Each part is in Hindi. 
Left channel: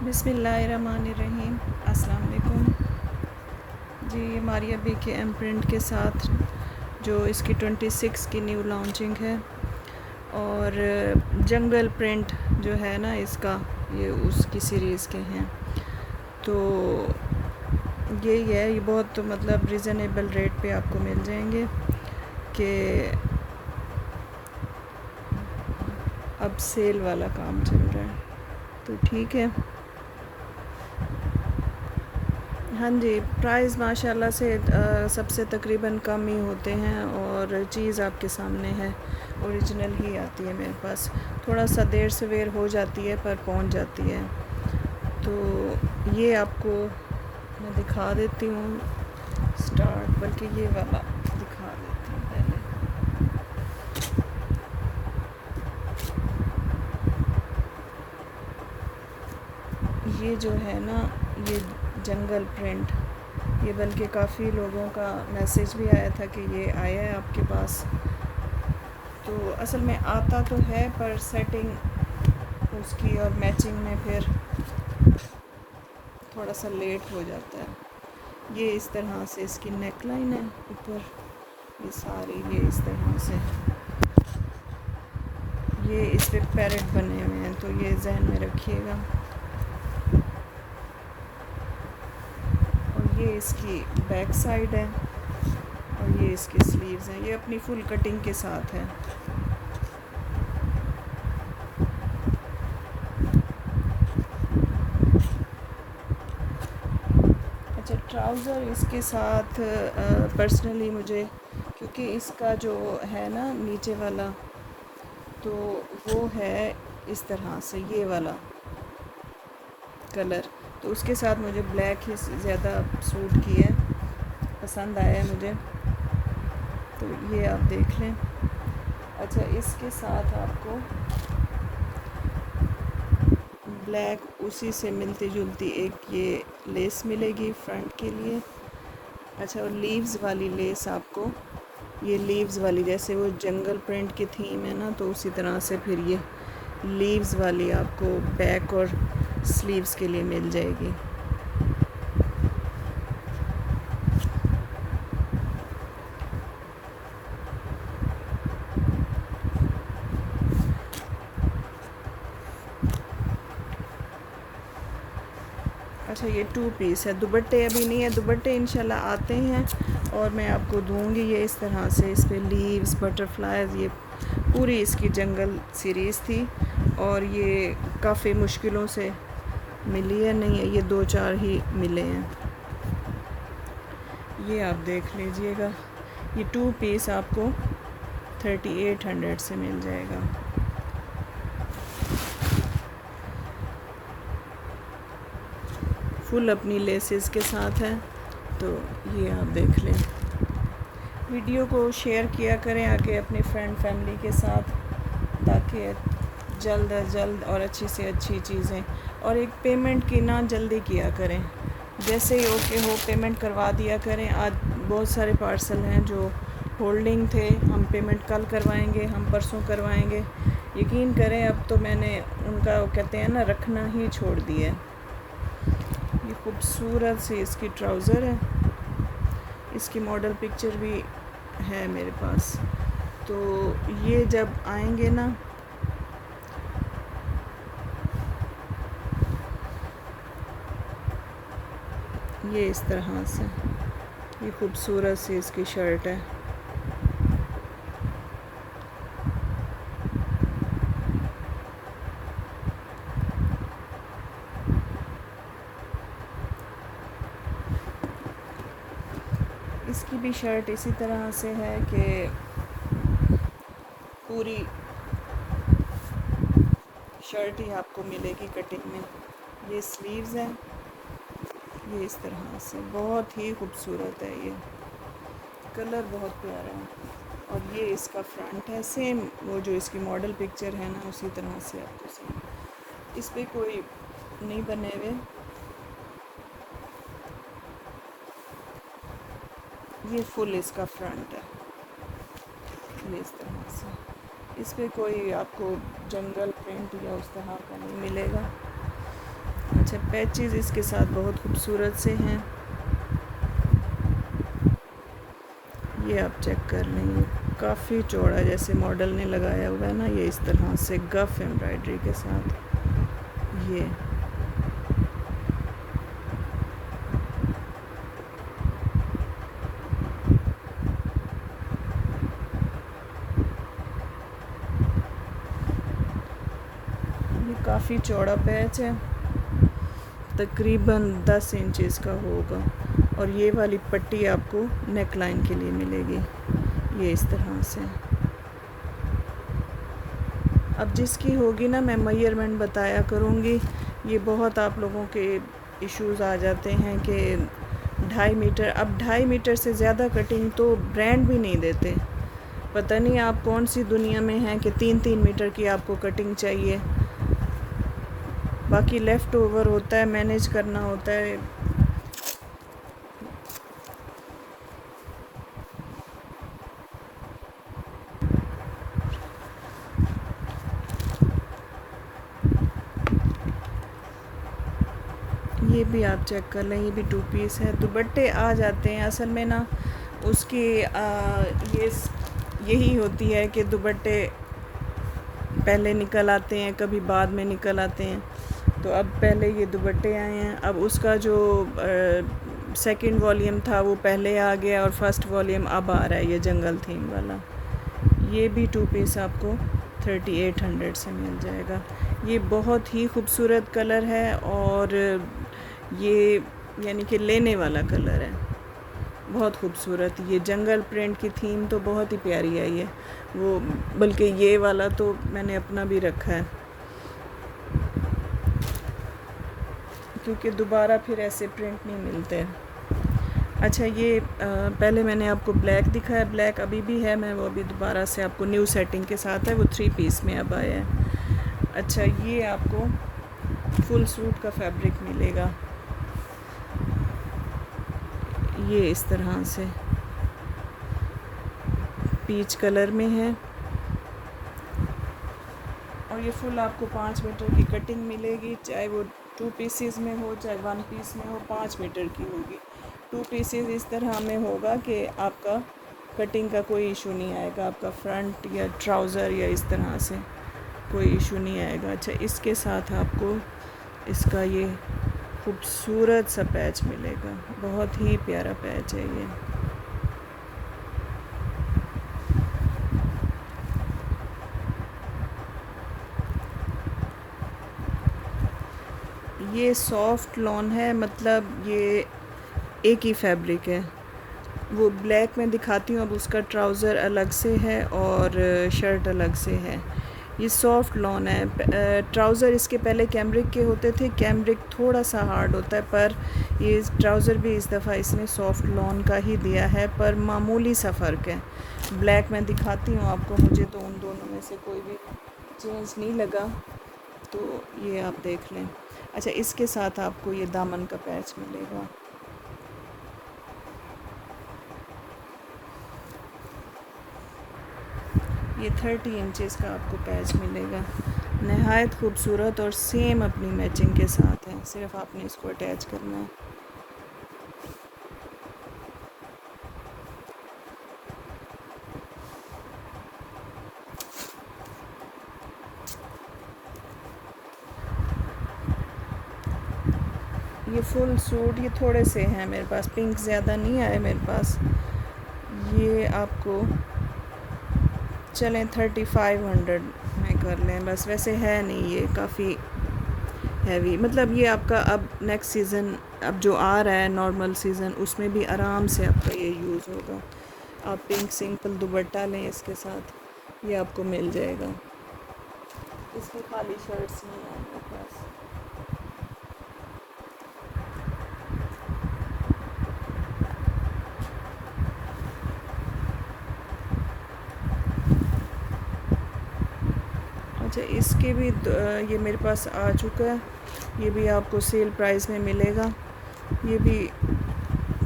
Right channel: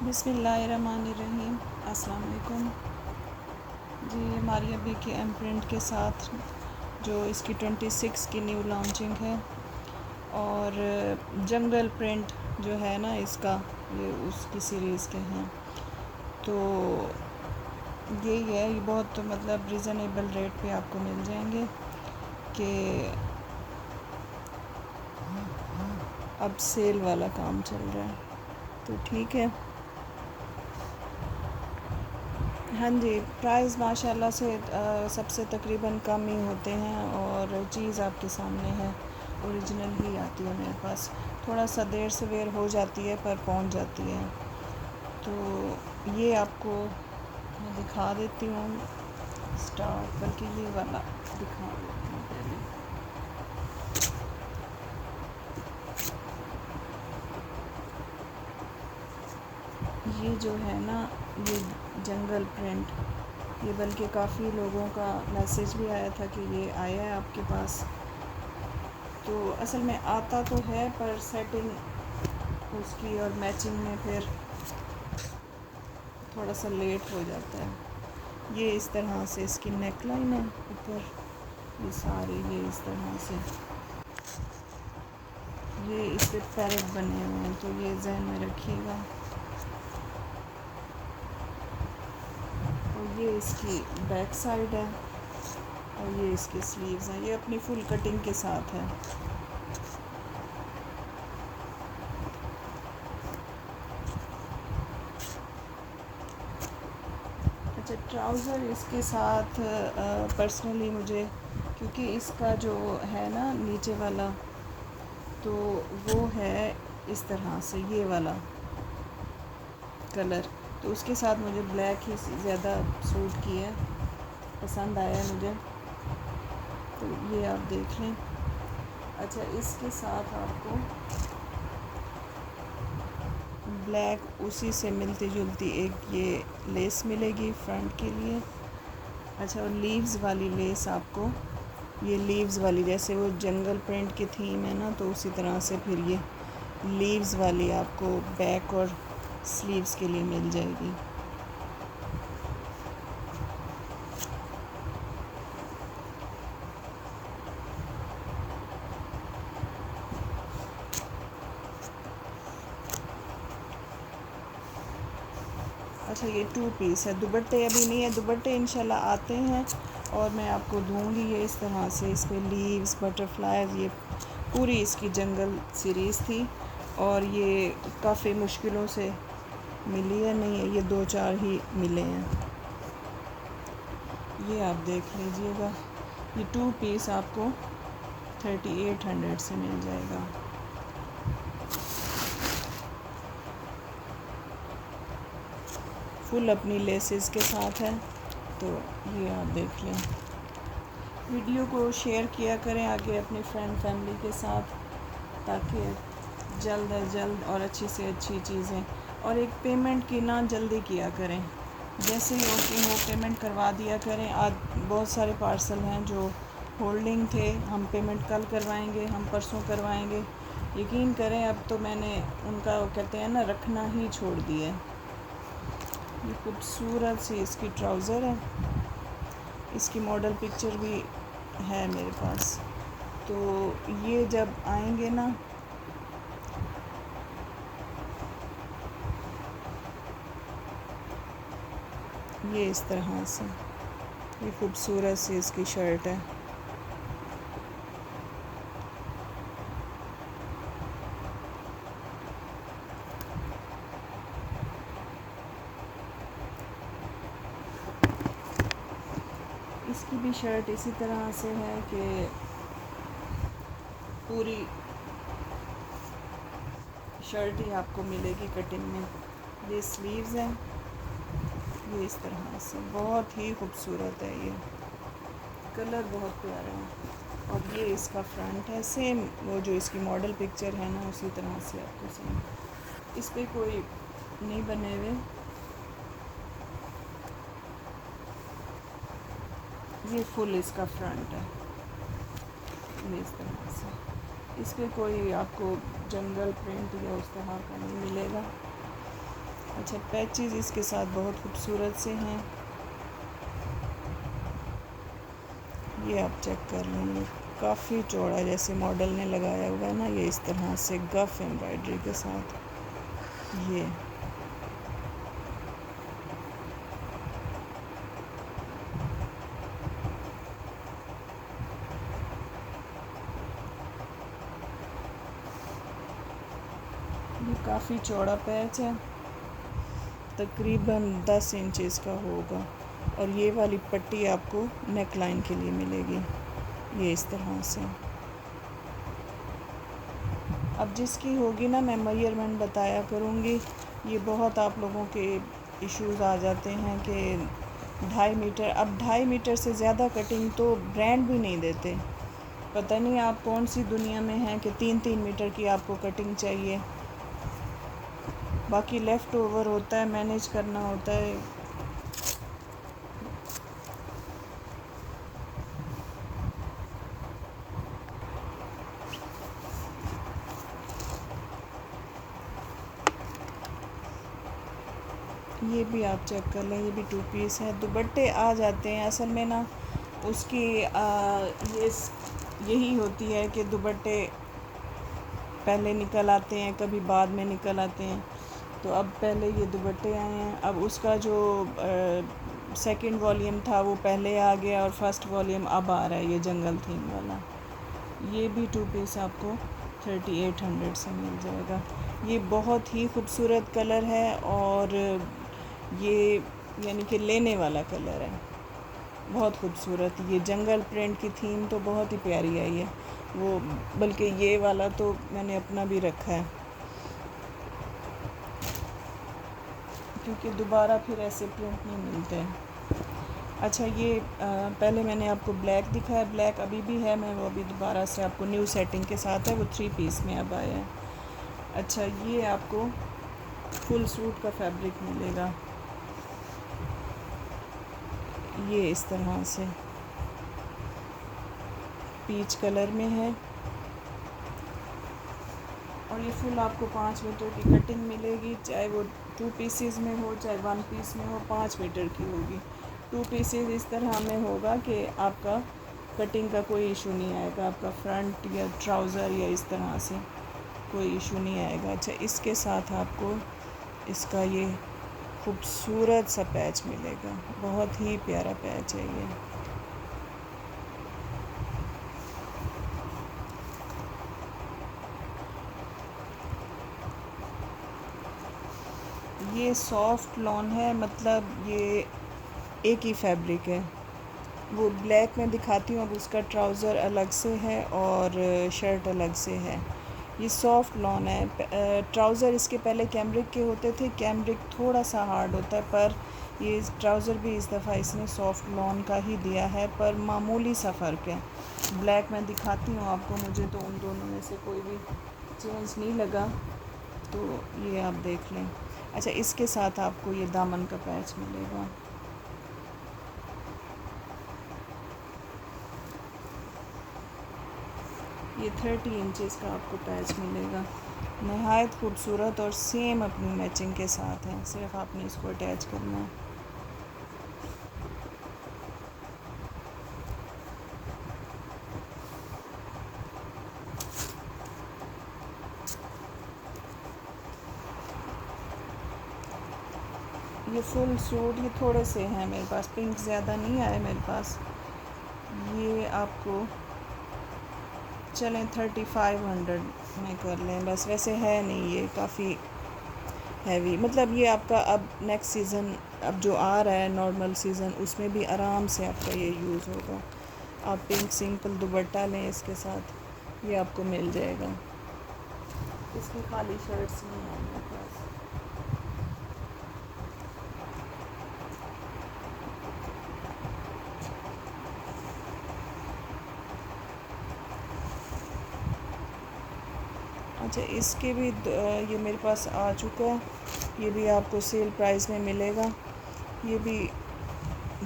बिस्मिल्लाहिर्रहमानिर्रहीम। अस्सलाम वालेकुम जी। हमारी अभी के एम प्रिंट के साथ जो इसकी 26 की न्यू लॉन्चिंग है, और जंगल प्रिंट जो है ना इसका, ये उसकी सीरीज़ के हैं। तो यही है, ये बहुत मतलब रिज़नेबल रेट पे आपको मिल जाएंगे कि अब सेल वाला काम चल रहा है, तो ठीक है। हाँ जी, प्राइस माशाल्लाह से सबसे तकरीबन कम ही होते हैं, और चीज़ आपके सामने है, ओरिजिनल ही आती है मेरे पास। थोड़ा सा देर सवेर हो जाती है पर पहुंच जाती है। तो ये आपको मैं दिखा देती हूँ स्टार्ट, बल्कि ये वाला दिखा देती हूँ पहले। ये जो है ना, ये जंगल प्रिंट, ये बल्कि काफ़ी लोगों का मैसेज भी आया था कि ये आया है आपके पास। तो असल में आता तो है, पर सेटिंग उसकी और मैचिंग में फिर थोड़ा सा लेट हो जाता है। ये इस तरह से इसकी नेक लाइन है ऊपर, ये सारी ये इस तरह से, ये इस पे पैरेट बने हुए हैं, तो ये जहन में रखिएगा। और ये इसकी बैक साइड है, और ये इसकी स्लीव्स हैं। ये अपनी फुल कटिंग के साथ है। अच्छा, ट्राउज़र इसके साथ पर्सनली मुझे, क्योंकि इसका जो है ना नीचे वाला, तो वो है इस तरह से, ये वाला कलर, तो उसके साथ मुझे ब्लैक ही ज़्यादा सूट किया है, पसंद आया है मुझे। तो ये आप देख लें। अच्छा, इसके साथ आपको ब्लैक उसी से मिलती जुलती एक ये लेस मिलेगी फ्रंट के लिए। अच्छा, और लीव्स वाली लेस आपको, ये लीव्स वाली, जैसे वो जंगल प्रिंट की थीम है ना, तो उसी तरह से फिर ये लीव्स वाली आपको बैक और स्लीव्स के लिए मिल जाएगी। अच्छा, ये 2 पीस है। दुपट्टे अभी नहीं है, दुपट्टे इंशाल्लाह आते हैं और मैं आपको दूंगी। ये इस तरह से, इस पे लीव्स, बटरफ्लाइज, ये पूरी इसकी जंगल सीरीज़ थी, और ये काफ़ी मुश्किलों से मिली है, नहीं है ये 2-4 ही मिले हैं। ये आप देख लीजिएगा, ये 2 पीस आपको 3800 से मिल जाएगा। फुल अपनी लेसेस के साथ है, तो ये आप देख लें। वीडियो को शेयर किया करें आगे अपने फ्रेंड फैमिली के साथ, ताकि जल्द अज जल्द और अच्छी से अच्छी चीज़ें, और एक पेमेंट की ना जल्दी किया करें, जैसे ही ओके हो पेमेंट करवा दिया करें। आज बहुत सारे पार्सल हैं जो होल्डिंग थे, हम पेमेंट कल करवाएंगे, हम परसों करवाएंगे। यकीन करें, अब तो मैंने उनका, वो कहते हैं ना, रखना ही छोड़ दिया है। ये खूबसूरत सी इसकी ट्राउज़र है, इसकी मॉडल पिक्चर भी है मेरे पास। तो ये जब आएंगे ना, ये इस तरह से, ये खूबसूरत सी इसकी शर्ट है। इसकी भी शर्ट इसी तरह से है कि पूरी शर्ट ही आपको मिलेगी कटिंग में। ये स्लीव्स हैं, ये इस तरह से, बहुत ही खूबसूरत है। ये कलर बहुत प्यारा है, और ये इसका फ्रंट है, सेम वो जो इसकी मॉडल पिक्चर है ना, उसी तरह से आपको सेम, इस पे कोई नहीं बने हुए। ये फुल इसका फ्रंट है, ये इस तरह से, इस पे कोई आपको जंगल प्रिंट या उस तरह का नहीं मिलेगा। अच्छा, पैचेस इसके साथ बहुत खूबसूरत से हैं। ये आप चेक कर लें, ये काफ़ी चौड़ा जैसे मॉडल ने लगाया हुआ है ना, ये इस तरह से गफ एम्ब्रॉयडरी के साथ। ये काफ़ी चौड़ा पैच है, तकरीबन 10 इंचेस का होगा। और ये वाली पट्टी आपको नेक लाइन के लिए मिलेगी, ये इस तरह से। अब जिसकी होगी ना, मैं मेजरमेंट बताया करूँगी। ये बहुत आप लोगों के इश्यूज़ आ जाते हैं कि 2.5 मीटर, अब 2.5 मीटर से ज़्यादा कटिंग तो ब्रांड भी नहीं देते। पता नहीं आप कौन सी दुनिया में हैं कि 3-3 मीटर की आपको कटिंग चाहिए। बाकी लेफ़्ट ओवर होता है, मैनेज करना होता है। ये भी आप चेक कर लें, ये भी 2 पीस है। दुपट्टे आ जाते हैं असल में ना, उसकी यही होती है कि दुपट्टे पहले निकल आते हैं, कभी बाद में निकल आते हैं। तो अब पहले ये दुपट्टे आए हैं, अब उसका जो सेकंड वॉल्यूम था वो पहले आ गया और फर्स्ट वॉल्यूम अब आ रहा है, ये जंगल थीम वाला। ये भी 2 पीस आपको 3800 से मिल जाएगा। ये बहुत ही खूबसूरत कलर है और ये यानी कि लेने वाला कलर है, बहुत खूबसूरत। ये जंगल प्रिंट की थीम तो बहुत ही प्यारी आई है वो, बल्कि ये वाला तो मैंने अपना भी रखा है, क्योंकि दोबारा फिर ऐसे प्रिंट नहीं मिलते। अच्छा, ये पहले मैंने आपको ब्लैक दिखाया, ब्लैक अभी भी है, मैं वो अभी दोबारा से आपको न्यू सेटिंग के साथ है, वो 3 पीस में अब आया है। अच्छा, ये आपको फुल सूट का फैब्रिक मिलेगा, ये इस तरह से पीच कलर में है। और ये फुल आपको 5 मीटर की कटिंग मिलेगी, चाहे वो 2 पीसेस में हो चाहे 1 पीस में हो, 5 मीटर की होगी। 2 पीसेस इस तरह में होगा कि आपका कटिंग का कोई इशू नहीं आएगा, आपका फ्रंट या ट्राउज़र या इस तरह से कोई इशू नहीं आएगा। अच्छा, इसके साथ आपको इसका ये खूबसूरत सा पैच मिलेगा, बहुत ही प्यारा पैच है ये। ये सॉफ्ट लॉन है, मतलब ये एक ही फैब्रिक है। वो ब्लैक में दिखाती हूँ, अब उसका ट्राउज़र अलग से है और शर्ट अलग से है। ये सॉफ्ट लॉन है। ट्राउज़र इसके पहले कैमरिक के होते थे, कैमरिक थोड़ा सा हार्ड होता है, पर ये ट्राउज़र भी इस दफ़ा इसने सॉफ्ट लॉन का ही दिया है, पर मामूली सा फ़र्क है। ब्लैक में दिखाती हूँ आपको, मुझे तो उन दोनों में से कोई भी चेंज नहीं लगा, तो ये आप देख लें। अच्छा, इसके साथ आपको ये दामन का पैच मिलेगा, ये 30 इंचेस का आपको पैच मिलेगा। नहायत खूबसूरत और सेम अपनी मैचिंग के साथ है, सिर्फ आपने इसको अटैच करना है। ये फुल सूट, ये थोड़े से हैं मेरे पास, पिंक ज़्यादा नहीं आए मेरे पास। ये आपको चलें 3500 में कर लें बस, वैसे है नहीं ये काफ़ी हैवी, मतलब ये आपका अब नेक्स्ट सीज़न अब जो आ रहा है नॉर्मल सीज़न, उसमें भी आराम से आपका ये यूज़ होगा। आप पिंक सिंपल दुपट्टा लें इसके साथ, ये आपको मिल जाएगा। इसकी खाली शर्ट्स नहीं है मेरे पास। अच्छा, इसके भी ये मेरे पास आ चुका है, ये भी आपको सेल प्राइस में मिलेगा। ये भी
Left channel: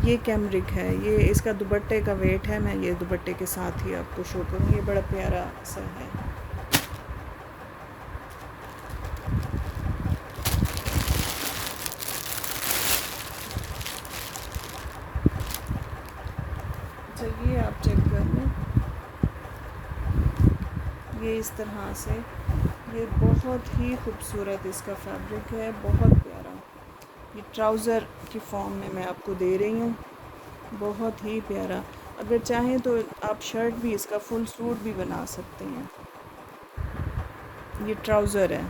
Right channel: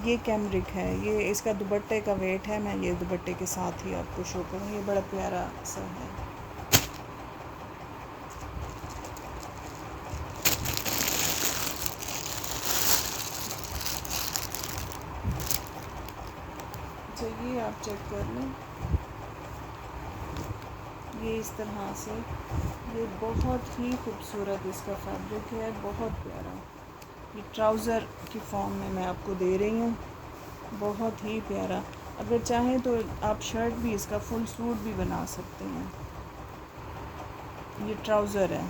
ये कैमरिक है, ये इसका दुपट्टे का वेट है, मैं ये दुपट्टे के साथ ही आपको शो करूँगी। ये बड़ा प्यारा सा है। ये इस तरह से, ये बहुत ही खूबसूरत इसका फैब्रिक है, बहुत प्यारा। ये ट्राउज़र की फॉर्म में मैं आपको दे रही हूँ, बहुत ही प्यारा। अगर चाहें तो आप शर्ट भी, इसका फुल सूट भी बना सकते हैं। ये ट्राउज़र है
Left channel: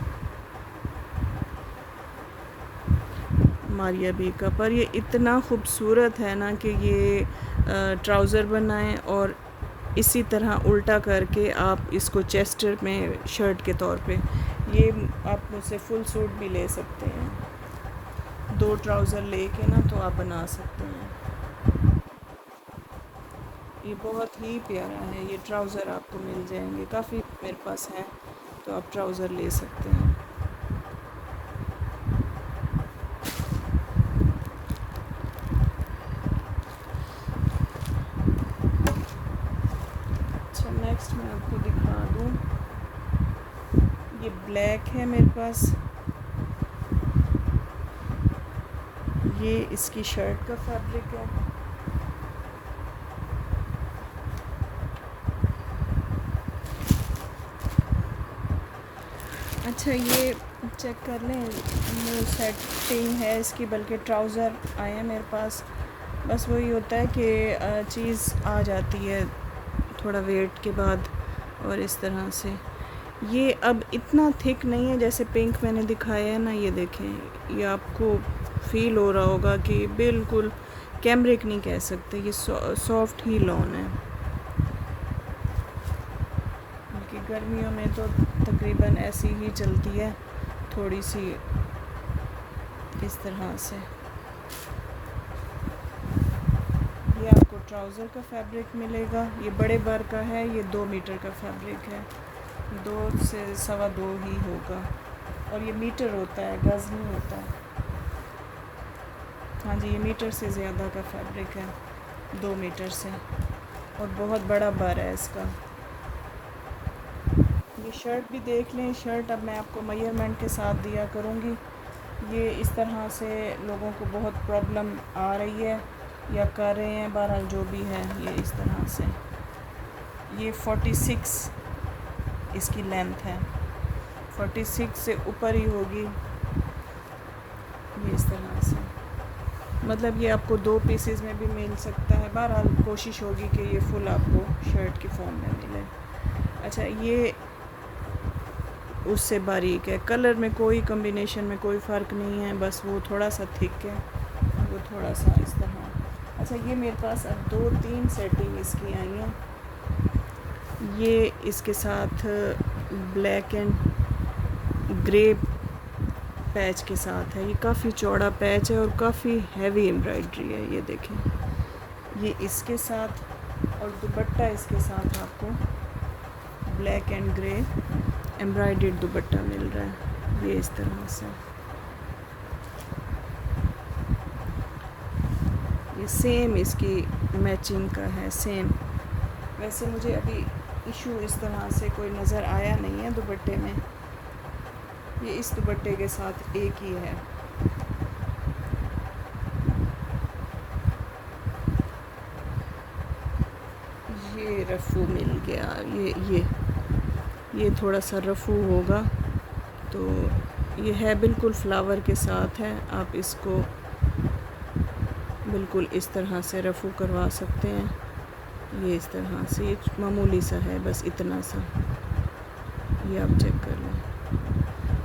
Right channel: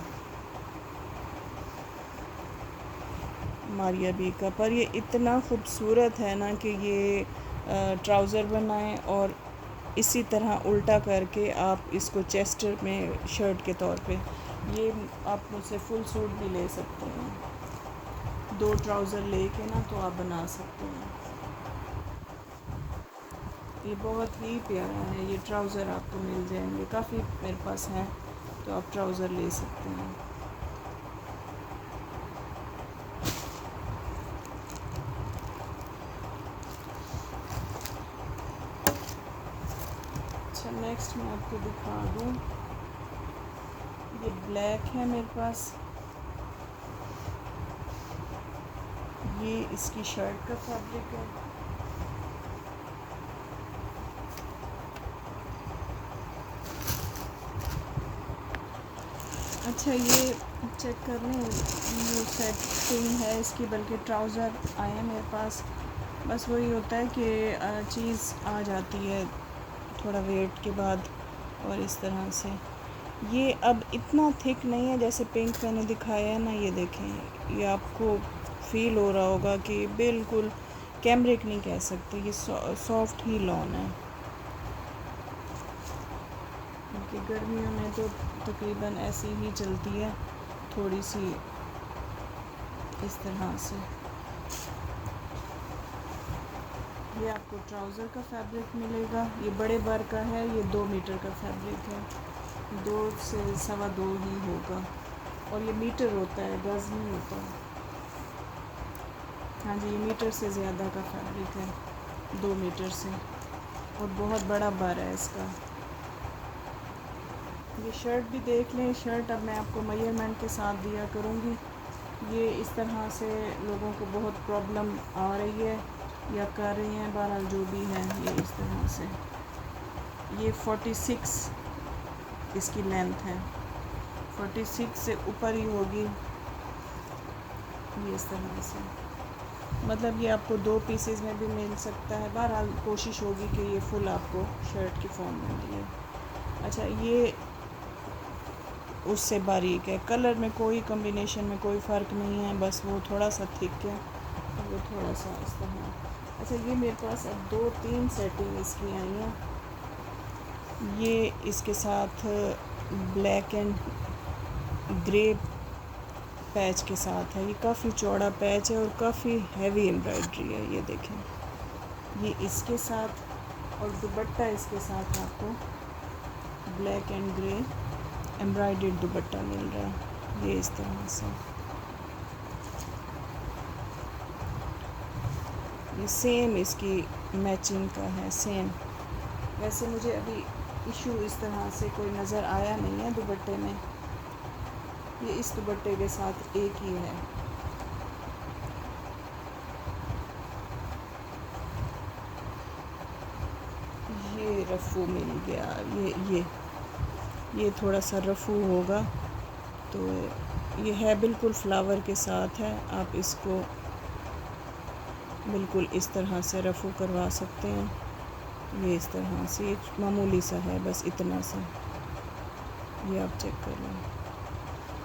मारिया बी का, पर ये इतना खूबसूरत है ना कि ये ट्राउज़र बनाएं और इसी तरह उल्टा करके आप इसको चेस्टर में शर्ट के तौर पे, ये आप मुझसे फुल सूट भी ले सकते हैं। 2 ट्राउज़र लेके ना तो आप बना सकते हैं। ये बहुत ही प्यारा है। ये ट्राउज़र आपको मिल जाएंगे, काफ़ी मेरे पास है, तो आप ट्राउज़र ले सकते हैं। अच्छा, नेक्स्ट मैं आपको दिखा दूँ, ये ब्लैक है मेरे पास, ये इसकी शर्ट का फैब्रिक है। अच्छा, ये चेक कर लें, न्यू सेटिंग है इसकी, बल्कि ट्राउज़र आए हैं मेरे पास। बस वही होता है कि चीज़ आ जाती है थोड़ा वेट के बाद, और इस तरह से ये अब इतना थिक नहीं है जैसे पिंक मैंने दिखाया है ना। ये देखें, ये आपको फील हो रहा होगा कि बिल्कुल कैमरिक नहीं कह सकते, ये सॉफ्ट ही लॉन है। क्योंकि गर्मियों में तो तकरीबन ऐसी ही चलती है, थोड़ी सी इस तरह से। ये आपको ट्राउज़र का फैब्रिक मिलेगा, ये बड़े बर का है, ये 2 मीटर का फैब्रिक है, 2 से 2.25 ही होगा, और ये मीटर होता है, गज़ नहीं होता। हाँ जी, ये मीटर से ज़्यादा का फैब्रिक है, 2 मीटर से, और बहुत बड़ा बर है इसका। ये शर्ट भी देख लें, शर्ट अब मैं आपको मेजरमेंट के साथ दिया करूँगी। ये इस तरह से लोगों को बहुत प्रॉब्लम आ रही है या कर रहे हैं, बहरहाल जो भी है, ये इस तरह से। ये 46 इसकी लेंथ है, 46 से ऊपर ही होगी, ये इस तरह से। मतलब ये आपको 2 पीसेस में भी मिल सकता है, बहरहाल कोशिश होगी कि ये फुल आपको शर्ट की फॉर्म में मिले। अच्छा, ये उससे बारीक है, कलर में कोई कॉम्बिनेशन में कोई फ़र्क नहीं है, बस वो थोड़ा सा थिक है, वो थोड़ा सा इस तरह। अच्छा, ये मेरे पास अब 2-3 सेटिंग इसकी आई हैं। ये इसके साथ ब्लैक एंड ग्रे पैच के साथ है, ये काफ़ी चौड़ा पैच है और काफ़ी हैवी एम्ब्रॉयडरी है, ये देखें। ये इसके साथ, और दुपट्टा इसके साथ आपको black and grey embroidered dupatta मिल रहा है, ये इस तरह से। ये सेम इसकी मैचिंग का है, सेम। वैसे मुझे अभी इशू इस तरह से कोई नज़र आया नहीं है दुपट्टे में, ये इस दुपट्टे के साथ एक ही है। ये रफू मिल गया, ये थोड़ा सा रफू होगा, तो ये है बिल्कुल फ्लावर के साथ है। आप इसको बिल्कुल इस तरह से रफू करवा सकते हैं, ये इस तरह से, ये मामूली सा है, बस इतना सा। ये आप चेक कर लें,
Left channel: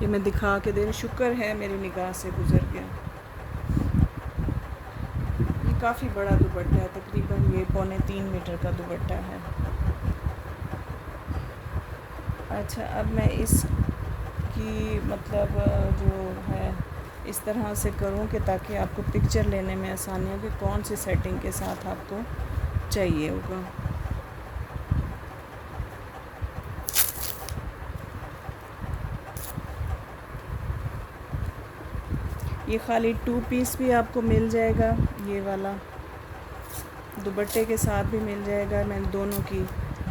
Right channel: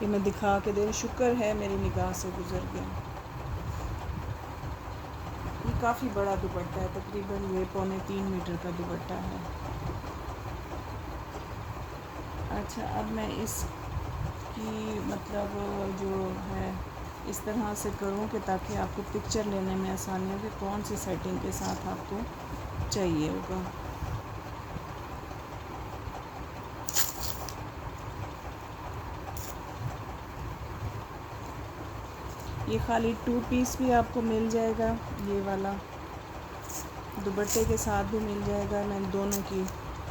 ये मैं दिखा के दे रही, शुक्र है मेरी निगाह से गुज़र गया। ये काफ़ी बड़ा दुपट्टा है, तकरीबन ये 2.25 मीटर का दुपट्टा है। अच्छा, अब मैं इसकी मतलब जो है इस तरह से करूँ कि ताकि आपको पिक्चर लेने में आसानी हो कि कौन सी सेटिंग के साथ आपको चाहिए होगा। ये खाली 2 पीस भी आपको मिल जाएगा, ये वाला दुपट्टे के साथ भी मिल जाएगा। मैं दोनों की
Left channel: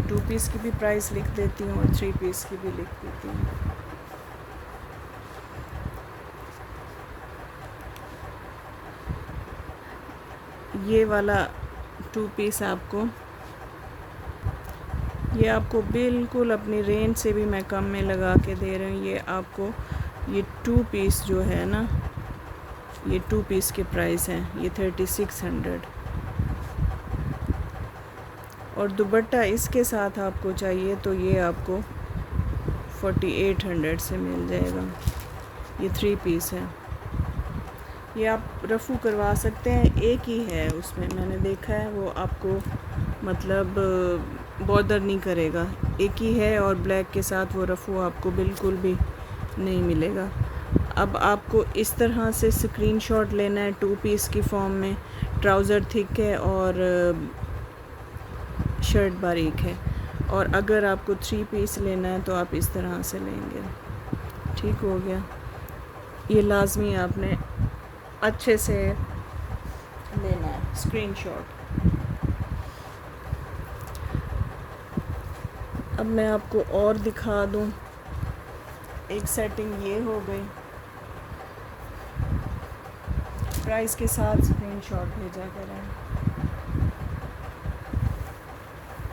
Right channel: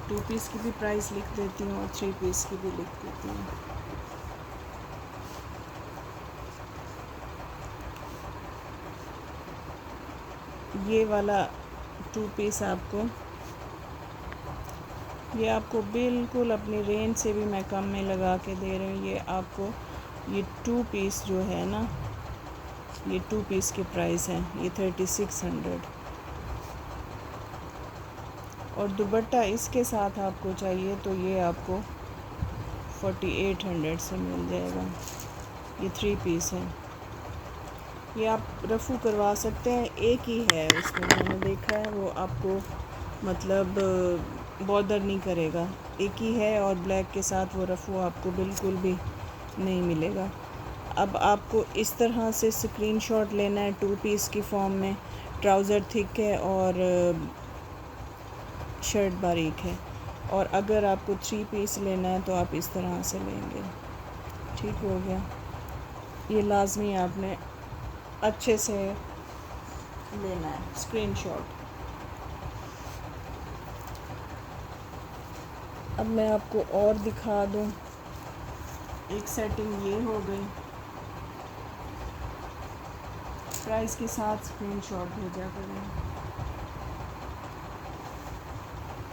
2 पीस की भी प्राइस लिख देती हूँ और 3 पीस की भी लिख देती हूँ। ये वाला 2 पीस आपको ये आपको बिल्कुल अपनी रेंज से भी मैं कम में लगा के दे रही हूँ। ये आपको ये 2 पीस जो है ना, ये 2 पीस के प्राइस हैं, ये 3600। और दुपट्टा इसके साथ आपको चाहिए तो ये आपको 4800 से मिल जाएगा। ये 3 पीस है। ये आप रफ़ू करवा सकते हैं, एक ही है उसमें, मैंने देखा है, वो आपको मतलब बॉदर नहीं करेगा, एक ही है। और ब्लैक के साथ वो रफ़ू आपको बिल्कुल भी नहीं मिलेगा। अब आपको इस तरह से स्क्रीनशॉट लेना है 2 पीस की फॉर्म में। ट्राउज़र थिक है और शर्ट बारीक है। और अगर आपको 3 पीस लेना है तो आप इस तरह से लेंगे। ठीक हो गया। ये लाजमी आपने अच्छे से लेना है स्क्रीनशॉट। अब मैं आपको और दिखा दूं। एक सेटिंग ये हो गई, प्राइस के साथ स्क्रीनशॉट भेजा करें।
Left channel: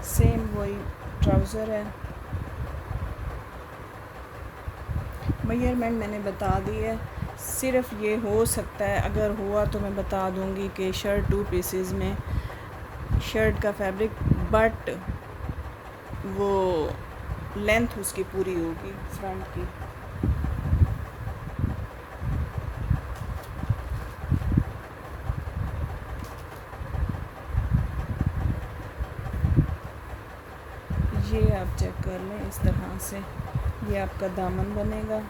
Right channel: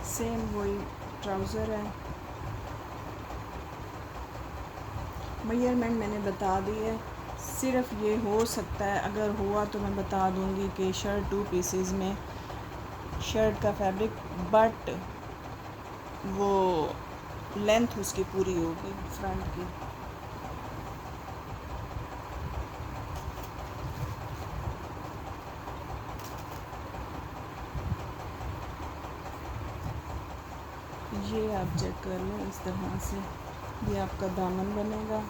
सेम वही ट्राउज़र है, मेजरमेंट मैंने बता दी है। सिर्फ ये हो सकता है, अगर हुआ तो मैं बता दूंगी कि शर्ट 2 पीसेस में शर्ट का फैब्रिक, बट वो लेंथ उसकी पूरी होगी फ्रंट की। ये आप चेक कर लें इस तरह से, ये आपका दामन बनेगा।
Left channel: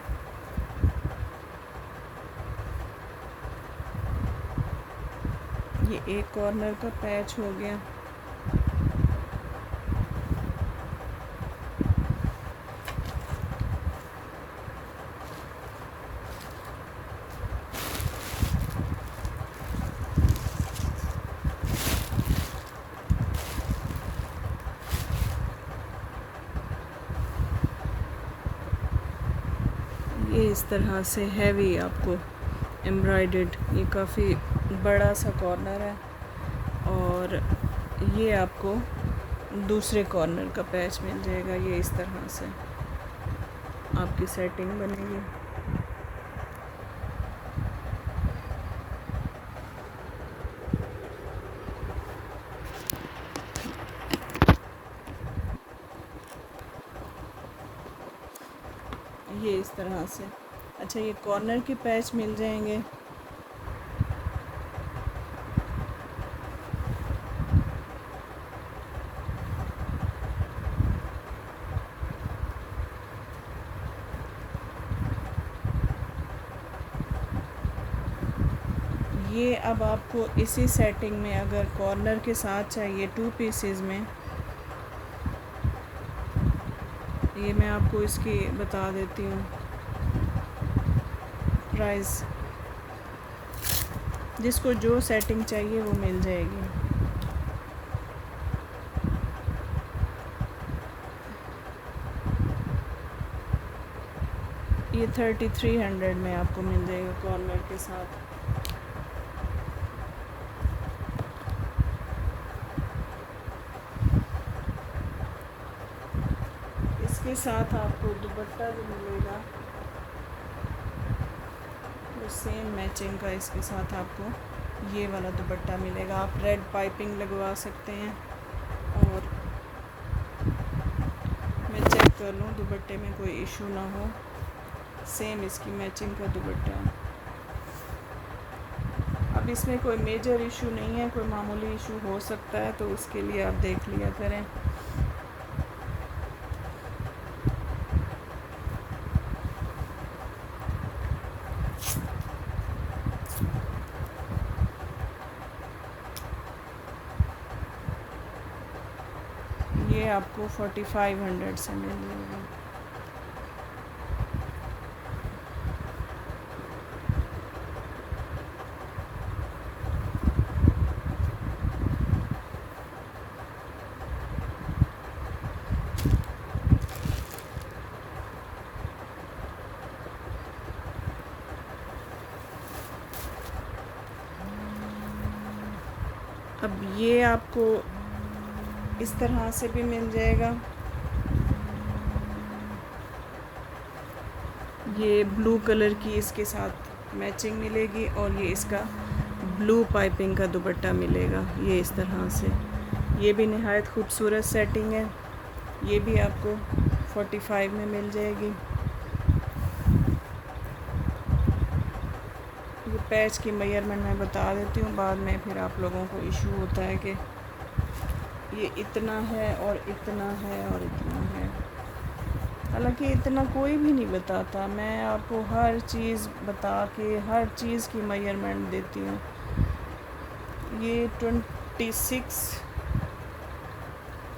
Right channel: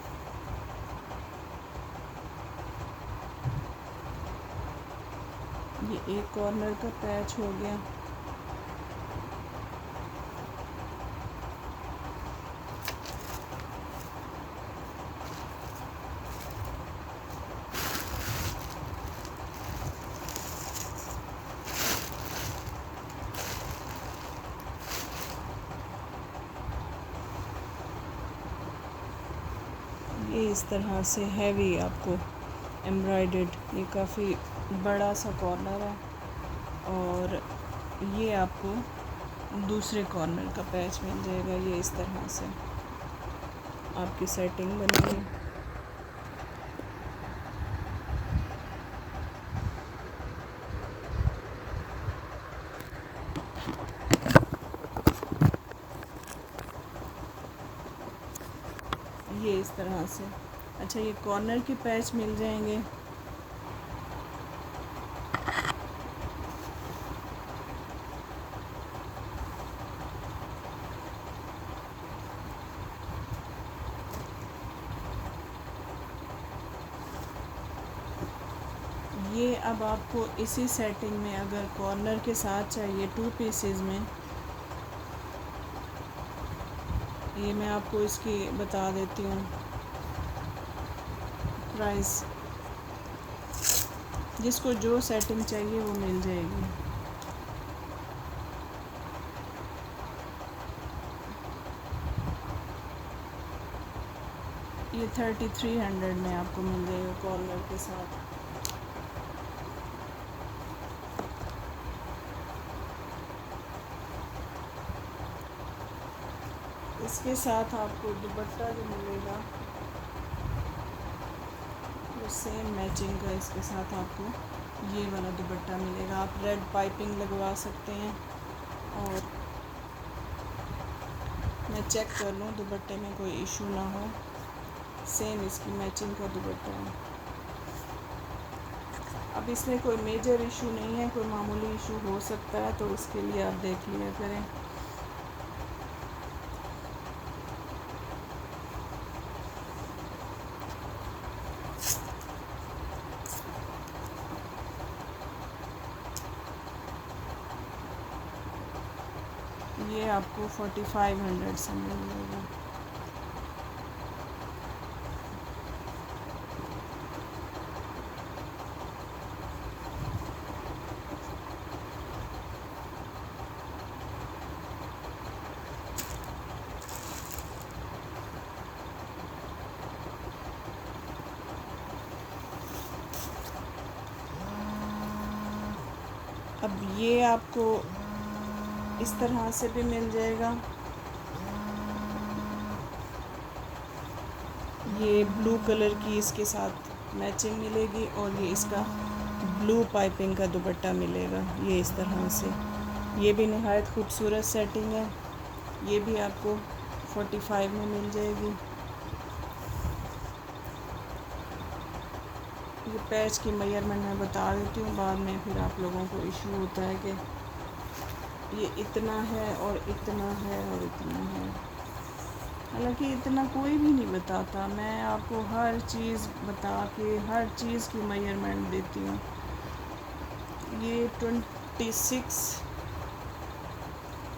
ये एक कॉर्नर का पैच हो गया। ये इस तरह से हैवी आपको एम्ब्रॉयडर्ड, ये काफ़ी बड़ा सा कॉर्नर है। और ये आपको दूसरे कॉर्नर का पैच मिल जाएगा। ये इस तरह से आपकी सेटिंग बनेगी। ये इस तरह से। अच्छा, ये कॉर्नर के पैच मिल जाएंगे। ये अब आपको इसी सेटिंग में अगर कॉर्नर के साथ चाहिए 2 पीसेस में, ये मैं आपको इसकी बता देती हूँ प्राइस। जिसको जो सेटिंग चाहिए वो मिल जाएगी। ये 3300 में आपको मिल जाएगा कॉर्नर के साथ। इसके साथ आपको दुपट्टा जो मिलेगा वो सेम मैचिंग का, इसके साथ आपको ये वाला दुपट्टा मिलेगा। आप रेड पाइपिंग लगवा सकते हैं। और मैं चेक कर लूँ दुपट्टे में कोई इशू ना हो। सेम इसकी मैचिंग का दुपट्टा है। अब इसमें कोई मेजर इशू नहीं है, कोई मामूली इशू हो सकता है, तो इसके लिए आप देख लिया करें। ये आपको 4500 से मिल जाएगा। अब ये आपको इस तरह से भी मिल जाएगा। ये ब्लू कलर की इसके साथ मैचिंग मिलेगी और ये इसका ब्लू पाइपिंग का दुपट्टा मिलेगा ये इस तरह से। ये भी नहायत खूबसूरत सेटिंग है। ये भी आपको 45 में मिल जाएगी। ये पैच की मेजरमेंट मैं बता देती हूँ, बाद में फिर आप लोगों को इशू होता है कि ये इतना है और इतना है और इतना है। हालांकि इतना कोई भी नहीं बताता, मैं आपको हर चीज़ बता के हर चीज़ की मेजरमेंट देती हूँ। ये 26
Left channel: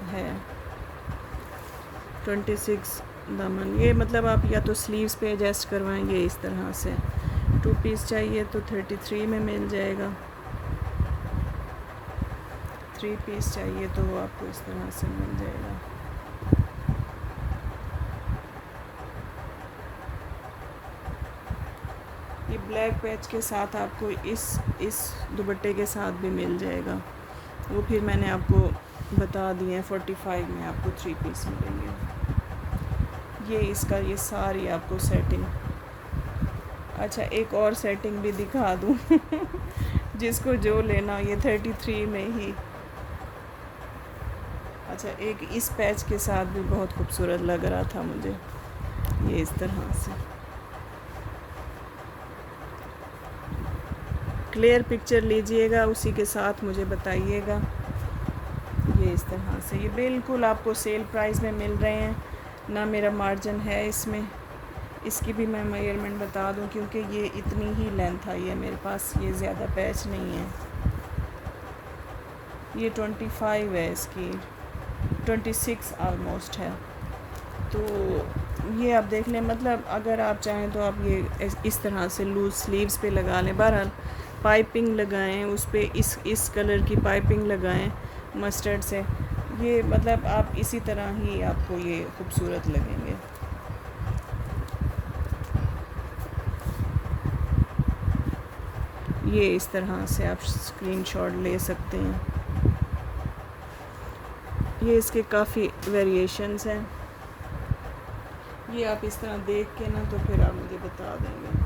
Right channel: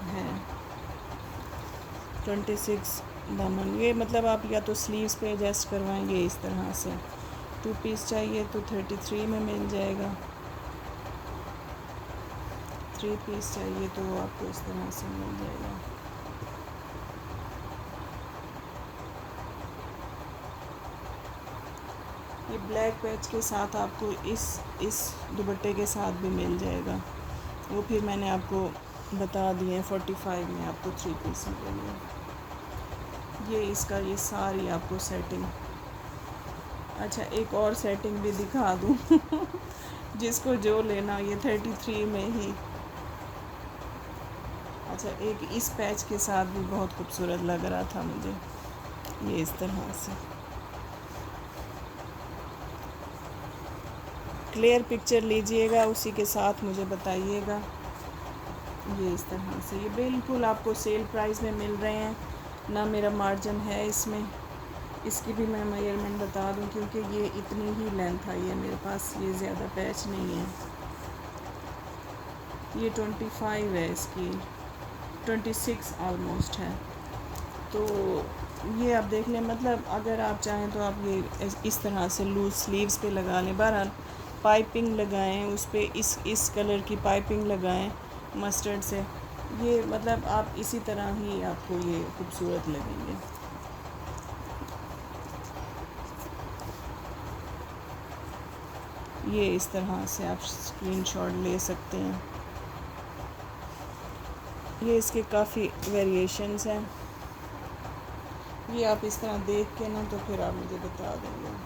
है, 26 दामन। ये मतलब आप या तो स्लीव्स पे एडजस्ट करवाएंगे इस तरह से। 2 पीस चाहिए तो 33 में मिल जाएगा। 3 पीस चाहिए तो आपको इस तरह से मिल जाएगा। ये ब्लैक पैच के साथ आपको इस दुपट्टे के साथ भी मिल जाएगा। वो फिर मैंने आपको बता दिए हैं। 45 में आपको 3 पीस मिलेंगे। ये इसका ये सारी आपको सेटिंग। अच्छा, एक और सेटिंग भी दिखा दूँ जिसको जो लेना, ये 33 में ही। अच्छा, एक इस पैच के साथ भी बहुत खूबसूरत लग रहा था मुझे, ये इस तरह से। क्लियर पिक्चर लीजिएगा, उसी के साथ मुझे बताइएगा। ये इस तरह से, ये बिल्कुल आपको सेल प्राइस में मिल रहे हैं, ना मेरा मार्जिन है इसमें। इसकी भी मैं मेजरमेंट बता दूं, क्योंकि ये इतनी ही लेंथ आई है मेरे पास, ये ज़्यादा पैच नहीं है। ये 25 है, इसकी 26 ऑलमोस्ट है। तो ये आप देख लें, मतलब अगर आप चाहें तो आप ये इस तरह से लूज स्लीव्स पे लगा लें। बहरहाल पाइपिंग लगाएं उस पर, इस कलर की पाइपिंग लगाएं मस्टर्ड से। ये मतलब आप इसी तरह ही आपको ये खूबसूरत लगेंगे। ये इस तरह से आप स्क्रीनशॉट ले सकते हैं। ये इसके काफ़ी वेरिएशंस हैं। ये आप इस तरह देख के ना तो फिर आप मुझे बता देंगे।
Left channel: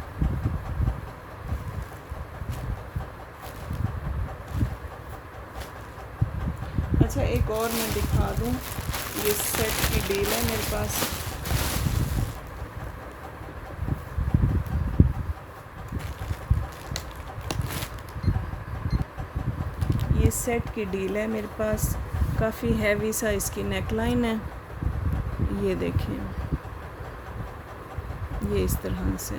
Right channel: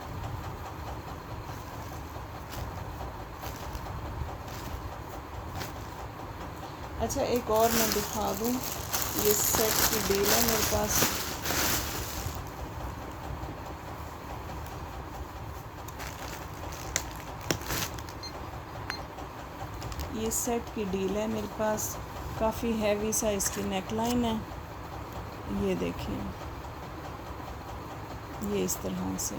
अच्छा, एक और मैं दिखा दूँ, ये सेट की डील है मेरे पास। ये सेट की डील है मेरे पास, काफ़ी हैवी सा इसकी नेकलाइन है। ये देखिए, ये इस तरह से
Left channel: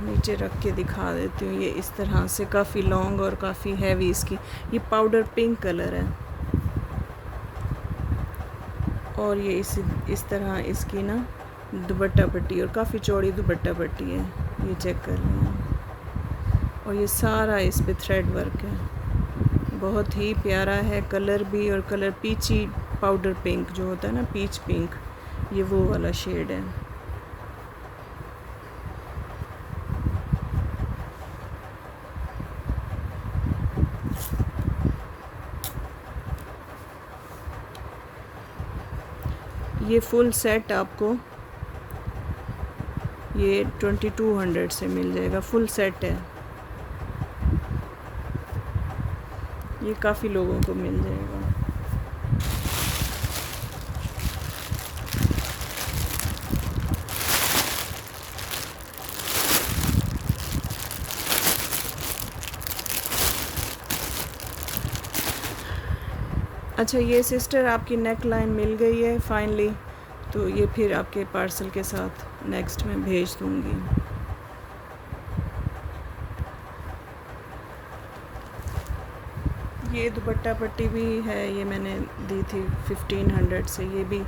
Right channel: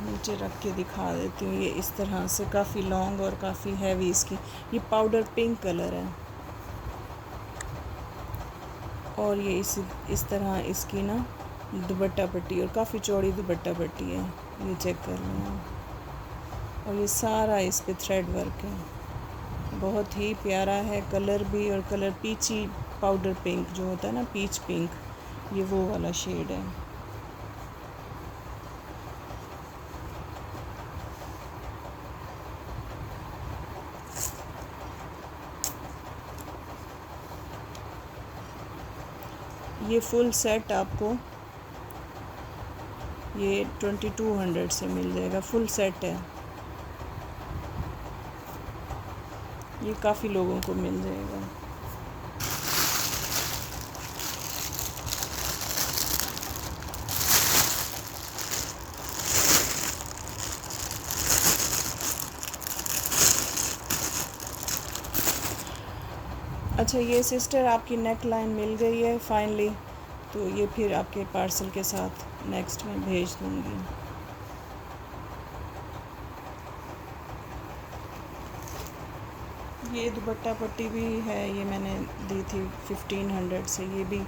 नीचे रख के दिखा देती हूँ। ये इस तरह से काफ़ी लॉन्ग और काफ़ी हैवी इसकी। ये पाउडर पिंक कलर है और ये इस तरह इसकी ना दुपट्टा पट्टी, और काफ़ी चौड़ी दुपट्टा पट्टी है, ये चेक कर लें। और ये सारा इस पे थ्रेड वर्क है, बहुत ही प्यारा है कलर भी। और कलर पीची पाउडर पिंक जो होता है ना, पीच पिंक, ये वो वाला शेड है। ये फुल सेट आपको ये 2200 से मिल जाएगा। फुल सेट है, ये काफ़ी लोगों को मिल जाएगा। अच्छा, ये सिस्टर आपकी नेक लाइन मिल गई है फाइनली, तो ये फिर आपके पार्सल के साथ नेक्स्ट में भेज दूँगी। ये दुपट्टा पट्टी भी है, ये मैंने दी थी 1500 से। ये भी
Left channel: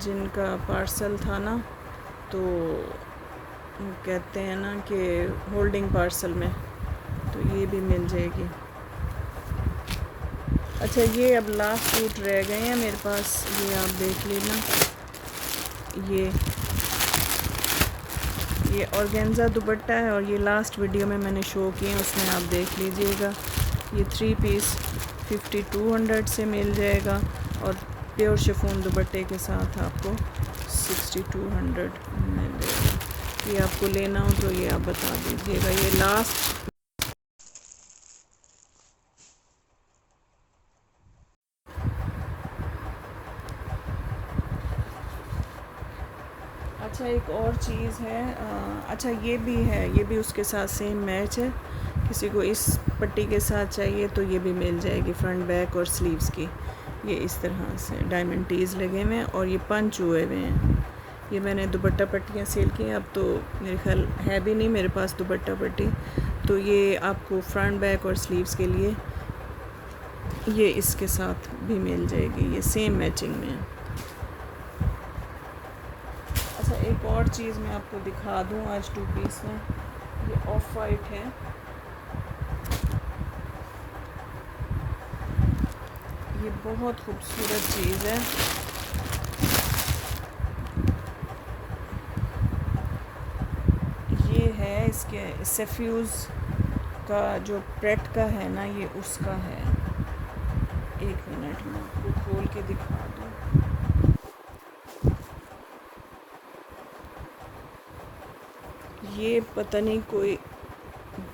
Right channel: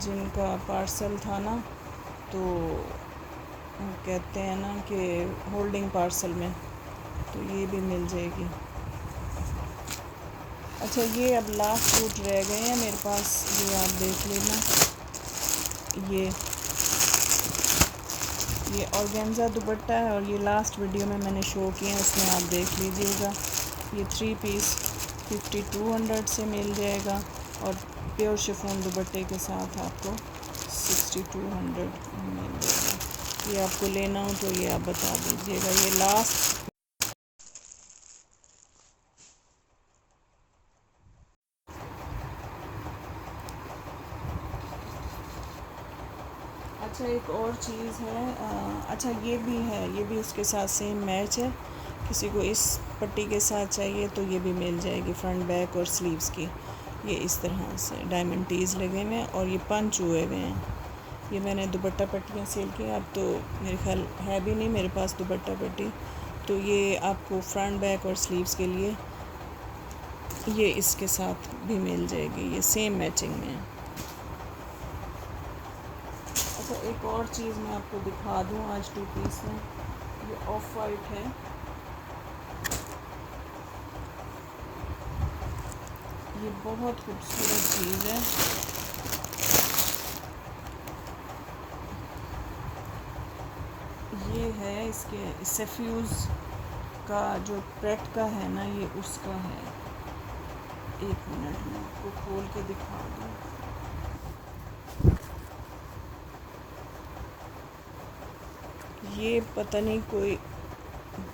जिनका पार्सल था ना, तो कहते हैं ना कि होल्डिंग पार्सल में, तो ये भी मिल जाएगी। अच्छा, ये अब लास्ट सूट रह गए हैं मेरे पास, ये आप देख लेना। ये ऑर्गेन्जा दुपट्टा है और ये लास्ट वीडियो में मैंने शो किए हैं, उसमें आप देख लीजिएगा। ये 3 पीस 5200 से मिल जाएगा और प्योर शिफॉन दुपट्टे के साथ आपको 6200 में ये आपको लेना हो तो ये आप बता दीजिएगा। ये लास्ट अच्छा एक और चीज़ है, अच्छा ये भी है, ये भी उसके साथ सेम मैच है। किसी को इस पट्टी के साथ चाहिए तो ये भी मिल जाएगी, फ्रंट बैक और स्लीव्स की। ये इस तरह से डायमंड टीज़ लगे हुए हैं और ये पंच हुए हुए हैं। ये मैंने दुपट्टा पट्टियाँ सेल की हैं, अब तो मेरे ख्याल है भी नहीं मेरे पास दुपट्टा पट्टी। तो ये आपको फ्रंट बैक और स्लीव्स के लिए ये इसके साथ भी मिल जाएगी, ये सेम मैचिंग में है। अच्छा एक और चीज़ मैं आपको दिखा दूँ आज 2 पीस में, ये ऑफ वाइट है। ये बहुत खूबसूरत चीज़ है। ये है इसके सफ्यूज़ का जो प्रेट का है ना, ये उसका है। एक मिनट में आपको खोल के दिखा दूँ। ये पता नहीं कोई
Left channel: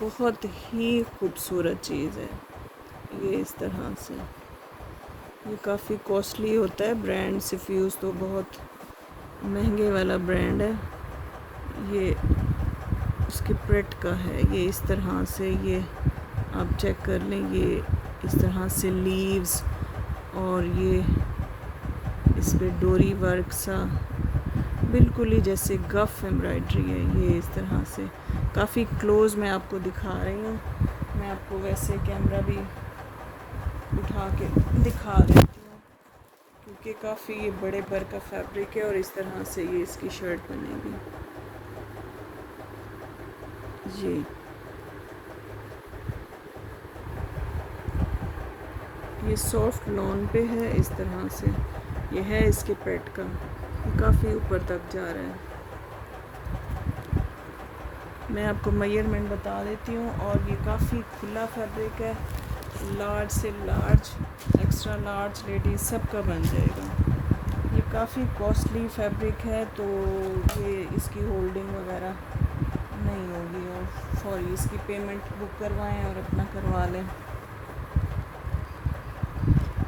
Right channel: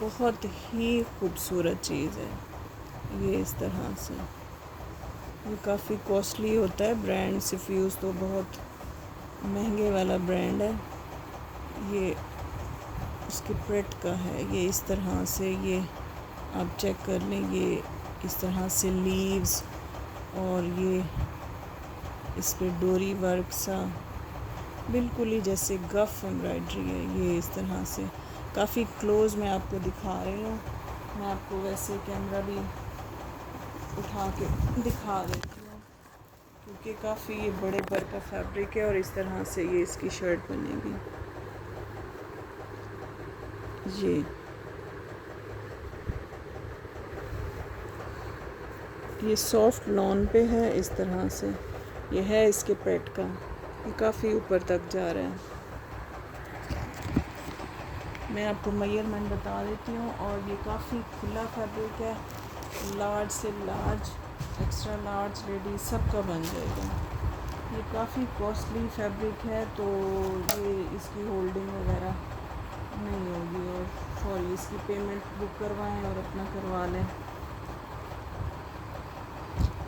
बहुत ही खूबसूरत चीज़ है। ये इस तरह से, ये काफ़ी कॉस्टली होता है ब्रांड, सफ्यूज़ तो बहुत महंगे वाला ब्रांड है। ये उसके प्रेट का है, ये इस तरह से, ये आप चेक कर लें, ये इस तरह से लीव्स और ये इस पे डोरी वर्क सा, बिल्कुल ही जैसे गफ एम्ब्रॉयडरी है। ये इस तरह से काफ़ी क्लोज में आपको दिखा रही हूँ। मैं आपको वैसे कैमरा भी उठा के दिखा देती हूँ क्योंकि काफ़ी ये बड़े बर का फैब्रिक है और इस तरह से ये इसकी शर्ट बनेगी। ये सॉफ्ट लॉन पे है इस तरह से, ये है इसके पेट का, ये काफ़ी ऊपर तक जा रहा है। मैं आपको मेजरमेंट बता देती हूँ और ये काफ़ी खुला फैब्रिक है, लार्ज से लार्ज, एक्स्ट्रा लार्ज, लेडीज सबका बन जाएगा। ये काफ़ी कॉस्टली फैब्रिक है तो ये इसकी होल्डिंग वगैरह नहीं होगी, और सॉरी इसकी पेमेंट बुक करवाएं और अपना करवा लें।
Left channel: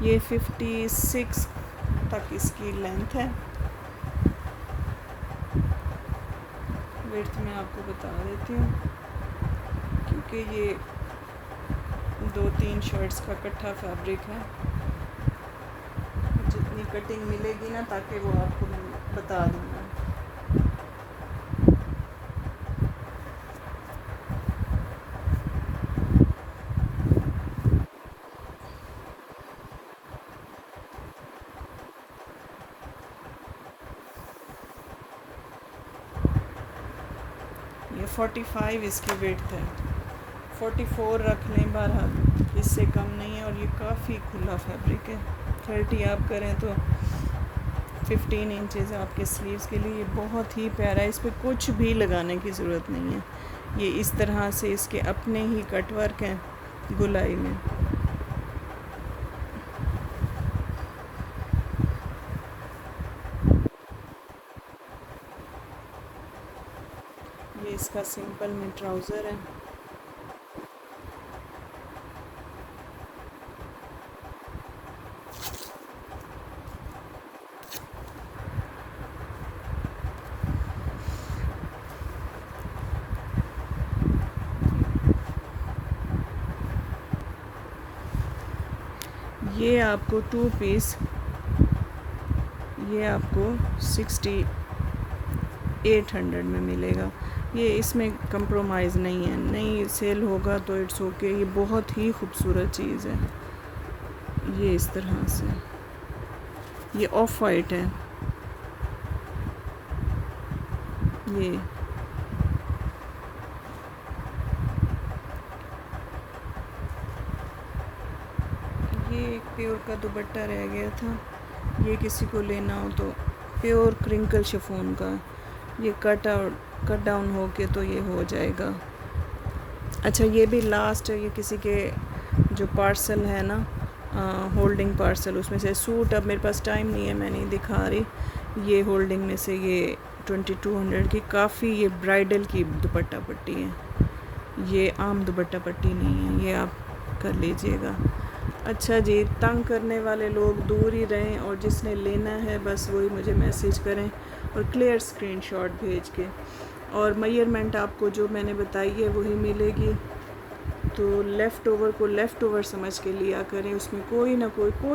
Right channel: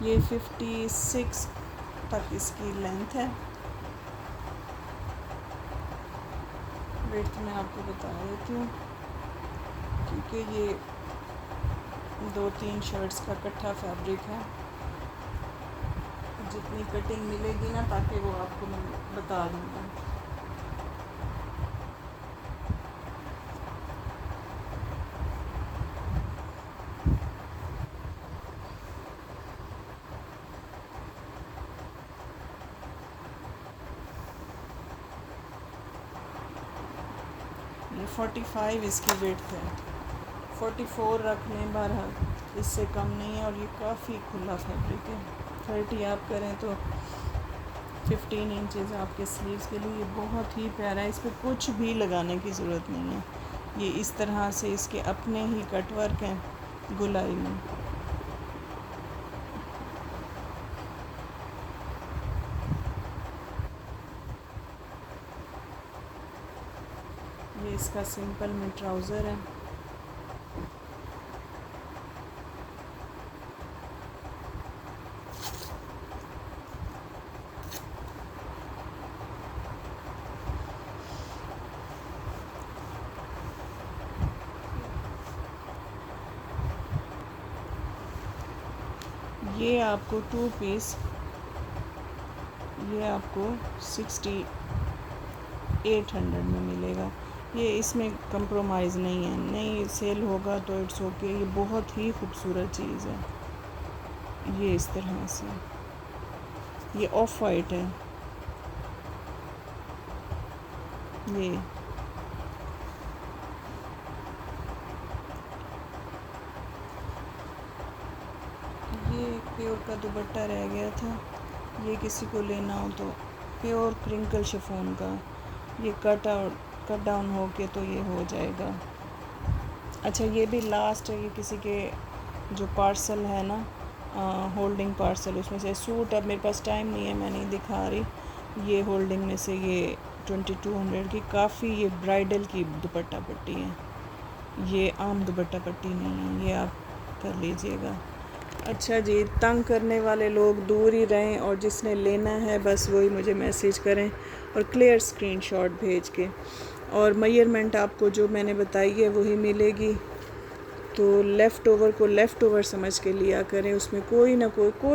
ये 56 तक इसकी लेंथ है। विड्थ मैं आपको बता देती हूँ क्योंकि ये 2-3 शर्ट्स का इकट्ठा फैब्रिक है। जितनी कटिंग मिलेगी ना ताकि वो आपको मैं बता दूँगा। ये 45 इसकी विड्थ है, 44 रख लें बहरहाल, इससे कम नहीं है। और ये काफ़ी खुला फैब्रिक है, 30 आप करें तो 15 इंचेस आपके स्लीव्स के लिए। ये बहुत ही प्यारा है, इस पर कुछ भी लगाने की ज़रूरत नहीं है। ये इस तरह से इसके अपने ही कट वर्क हैं गुलाई में। ये इसका सिंपल में ट्राउज़र है। ये आपको 2 पीस, ये आपको 6800 में मिलेगा। ये इसमें कंप्रोमाइज़ नहीं है, नहीं सेल होगा तो इट्स ओके। ये बहुत ही खूबसूरत चीज़ है। ये इस तरह से, ये ऑफ वाइट है। ये प्योर का दुपट्टा रह गया था, ये किसी को लेना हो तो प्योर क्रिंकल शिफॉन का, ये कट डाउन हो के तो ये हो जाएगा। अच्छा ये भी लास्ट है, ये किसी के जो पार्सल है ना, होल्डिंग पार्सल, उसमें से सूट, अब मेरे पास टाइम नहीं है मैं नहीं दिखा रही। ये होल्डिंग में से ये 2200 की काफ़ी ये ब्राइडल की दुपट्टा पट्टी है, ये आम दुपट्टा पट्टी नहीं है, ये आप कर लीजिएगा। अच्छा जी, तंग करने वाले लोग दूर ही रहें और जिसने लेना है बस वही मुझे मैसेज करें और क्लियर स्क्रीनशॉट भेज के, और मेजरमेंट आपको जो मैंने बताई है वही मिलेगी। तो लेफ़्ट ओवर को लेफ़्ट ओवर समझ के लिया करें, उसमें कोई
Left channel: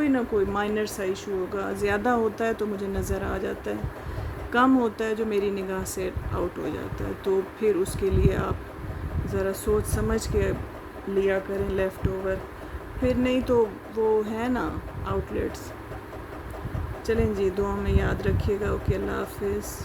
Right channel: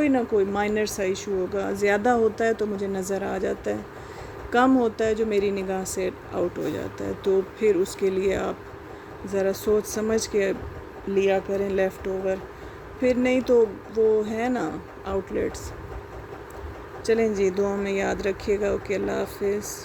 ना कोई माइनर सा इशू होगा। ज़्यादा होता है तो मुझे नज़र आ जाता है, कम होता है जो मेरी निगाह से आउट हो जाता है, तो फिर उसके लिए आप ज़रा सोच समझ के लिया करें लेफ़्ट ओवर, फिर नहीं तो वो है ना आउटलेट्स। चलें जी, दुआ में याद रखिएगा। ओके, अल्लाह हाफिज़।